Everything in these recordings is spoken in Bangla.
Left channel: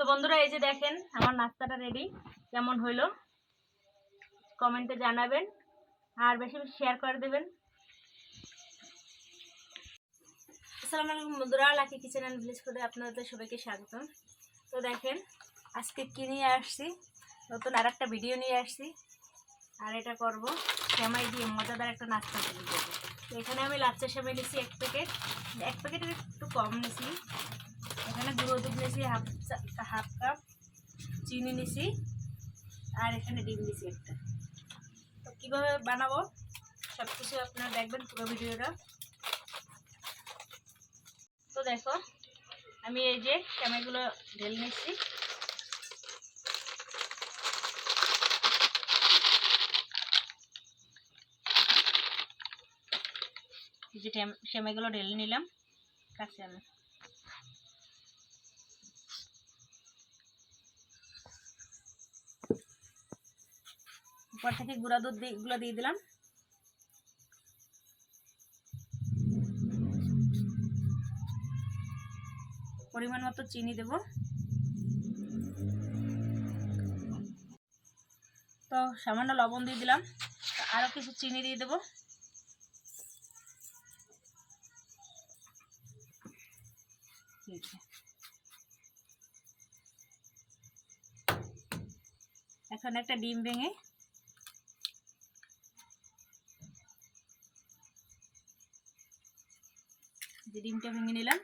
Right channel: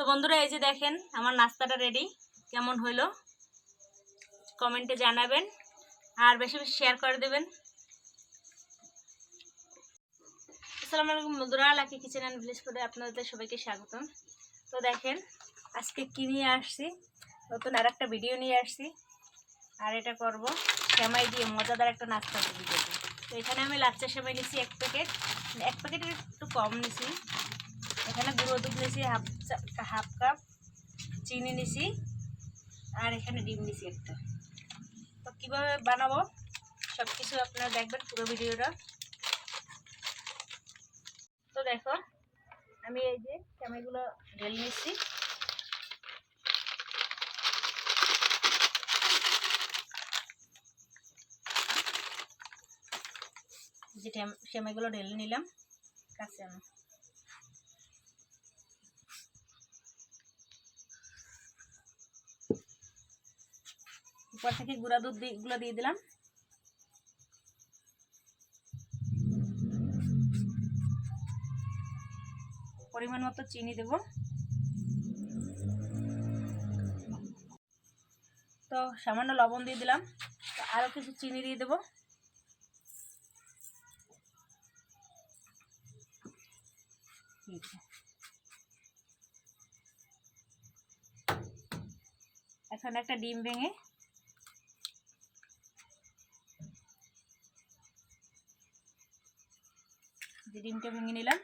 তো বন্ধুরা এই যে দেখেন আমার নাস্তাটা রেডি, কেমন হইলো কমেন্টে জানাবেন আর বেশি বেশি শেয়ার করে দেবেন। আসসালামু আলাইকুম বন্ধুরা, লাকি কিচেন অ্যান্ড ভিলেজ ফুডে আপনাদের সবাইকে স্বাগতম। তো দেখেন আজকে কি নিয়ে আসছি, নতুন আর একটা ভিডিও নিয়ে আসছি। আর এটা করব সেমাই দিয়ে মজাদার একটা নাস্তা তৈরি করবো। তো এখানে আমি লাচ্চা সেমাই নিয়েছি এক প্যাকেটের একটু কম নিয়েছি। এখানে গুঁড়ো দুধ নিয়েছি হাফ কাপ, চিনি নিয়েছি আর এখানে ডিম নিয়েছি একটা। তো কীভাবে বানাবো সব কিছু আপনারা দেখবেন পুরো ভিডিওটা। তো দেখো আমি এই যে সেমাইগুলো ঢেলে নিচ্ছি। এই যে সেমাইগুলো ঢেলে নিলাম কাছে আমি। উপর থেকে গুঁড়া দুধ গুলো দিয়ে দিলাম। পরিমাণ মতো চিনি দেব। তো সামান্য লবণ দিয়ে দিলাম, আরও কিছু চিনি দিয়ে দেব। এখন একটা ডিম ভেঙে ডিমটা ভেঙে নিলাম।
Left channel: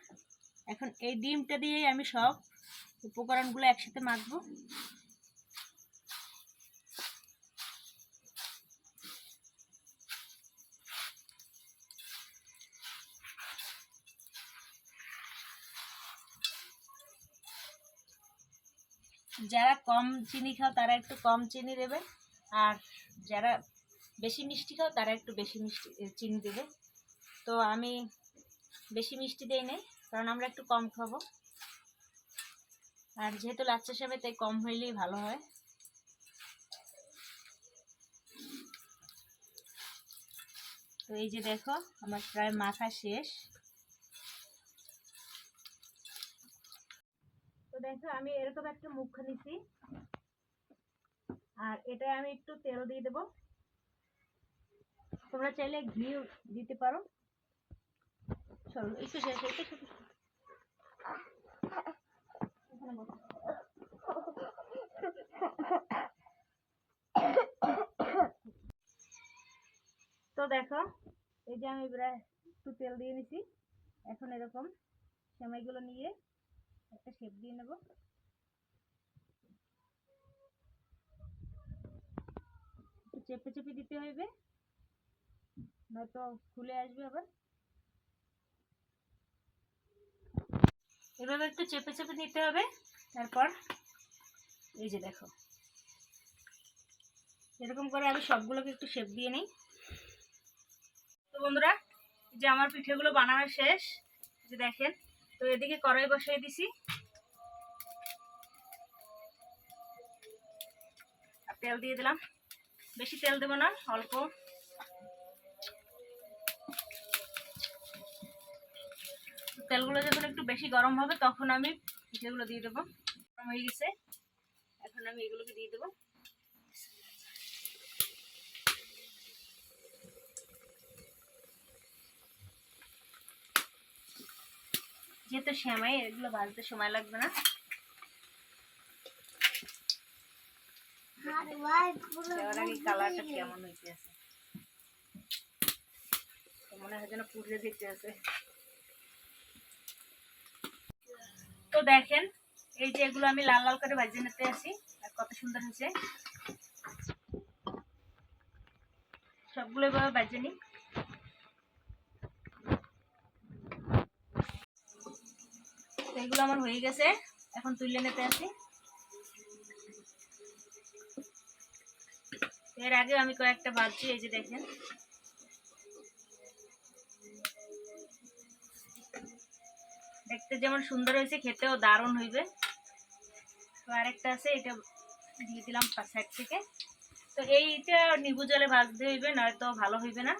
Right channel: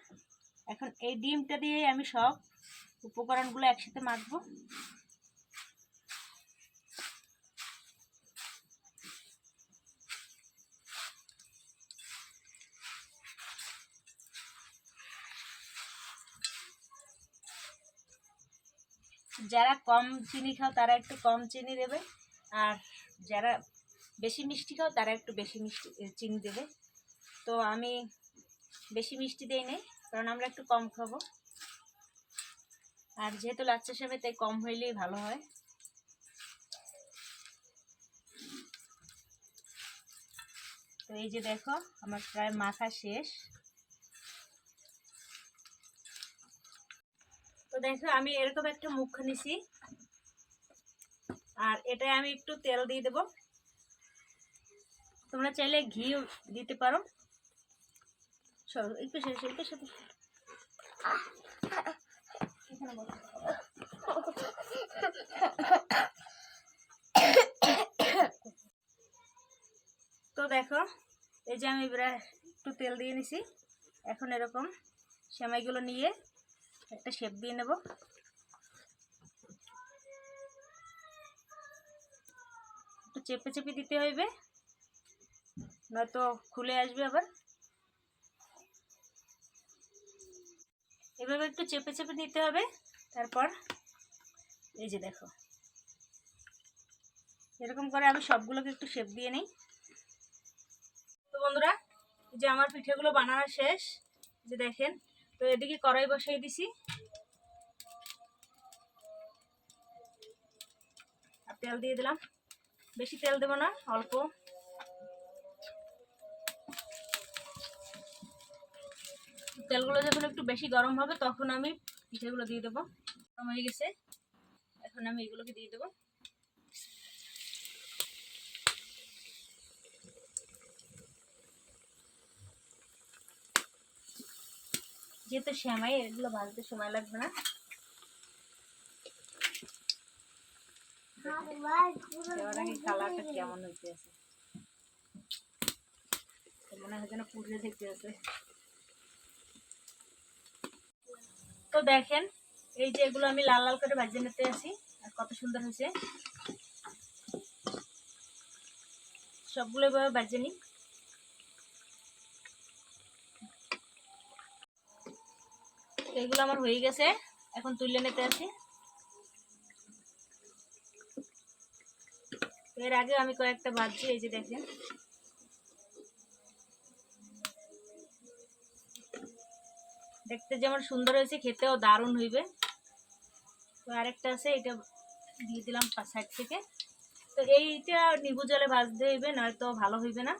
এখন এই ডিমটা দিয়ে আমি সব উপকরণগুলো একসাথে মাখবো। যারা কম চিনি খাও তারা একটু কম চিনি দেবে, আর যারা বেশি মিষ্টি খাও তারা একটু বেশি চিনি দেবে। তো আমি বেশি মিষ্টি দেই নাই, কারণ আমরা একটু কম খাবো। আর যেহেতু লাচ্চা সেমাই তাই কম হইলেই ভালো হয়। তো এই যে দেখো আমার প্রায় মাখা শেষ। তো দেখো আমি এরকম একটা মুখ নিছি, আর এটা আমি একটু তেল দিয়ে দেব। তোমরা চাইলে ঘি দিতে পারো। চলো একটু শেষ তো দেখো এই যে আমি একটু তেল দিয়ে নিছি। এখন এরকম সেমাইগুলো নিয়ে একটা শেপ দিয়ে নেব। একটু চেপে চেপে দিতে হইবে, নয়তো খুলে আসবে আবার। এভাবে একটু চেপে চেপে নিতে হবে। তারপর এই যে দেখো এরকম করে আমি সবগুলোকে একটু শেপ দিয়ে নিই। তো বন্ধুরা এই যে আমার পিঠেগুলো বানানো শেষ, যে দেখেন। তো এদিকে কড়াই বসিয়ে দিছি, আর তেল দিয়ে দিলাম। বেশি তেল দেবো না, অল্প। তেলগুলো যখন একটু বেশি গরম হবে তখন আমি পিঠেগুলো দিয়ে দেবো। গরম হয়ে গেছে, এখন আমি এগুলোকে দিয়ে দেবো। যেহেতু সেমাই এগুলো ভাজতে সময় লাগবে না। কালারটা কেমন হইতে আছে, মনে হয় যেন পুড়ে দেখতে আছে। তো দেখেন এই যে এগুলো আমি লাল লাল করে ভাজে নিতে আছি, আর কত সুন্দর হয়েছে। সবগুলো এভাবে ভাজে নিই। এগুলো আমার হয়ে গেছে, এখন তুলে নিতে আছি। এর আগে আমি কয়েকটা ভাজছি, এই যে দেখেন। দেখতে যেমন সুন্দর হয়েছে, খেতেও দারুণ হইবে। তো আরেকটা আছে, এটা দিয়ে দিলাম সাইড থেকে। তো এইটা নিবু জলে ভাজতে হইবে, নয়তো ভালো হইবে না।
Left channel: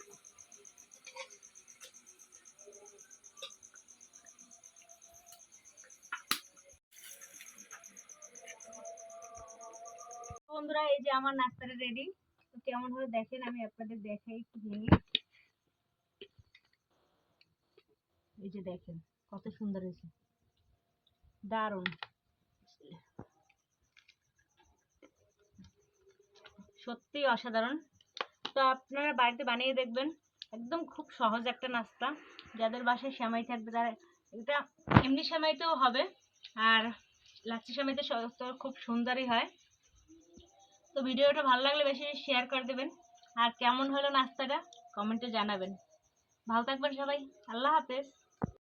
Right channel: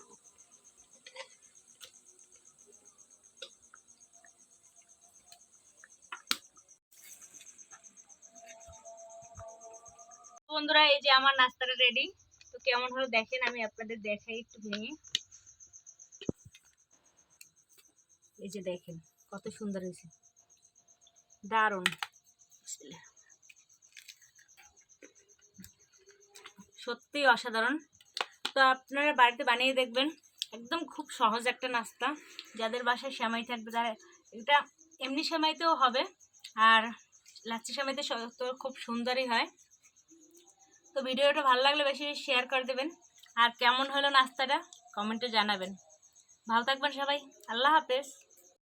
বন্ধুরা, এই যে আমার নাস্তাটা রেডি। তো কেমন হলো দেখেন, আমি আপনাদের দেখাই একটু ভেঙে। এই যে দেখেন কত সুন্দর হয়েছে, দারুণ, সত্যি অসাধারণ। তো আপনারা বাড়িতে বানিয়ে দেখবেন, একদম খুব সহজ একটা নাস্তা। যাদের বাসায় সেমাই থাকবে তারা এটা এমনি সেমাইতেও হবে, আর লাচ্ছি সেমাইতে তো খুব সুন্দরই হয়। তো ভিডিওটা ভালো লাগলে বেশি শেয়ার করে দেবেন, আর কেমন হলো নাস্তাটা কমেন্টে জানাবেন। ভালো থাকবেন সবাই, আল্লাহ হাফেজ।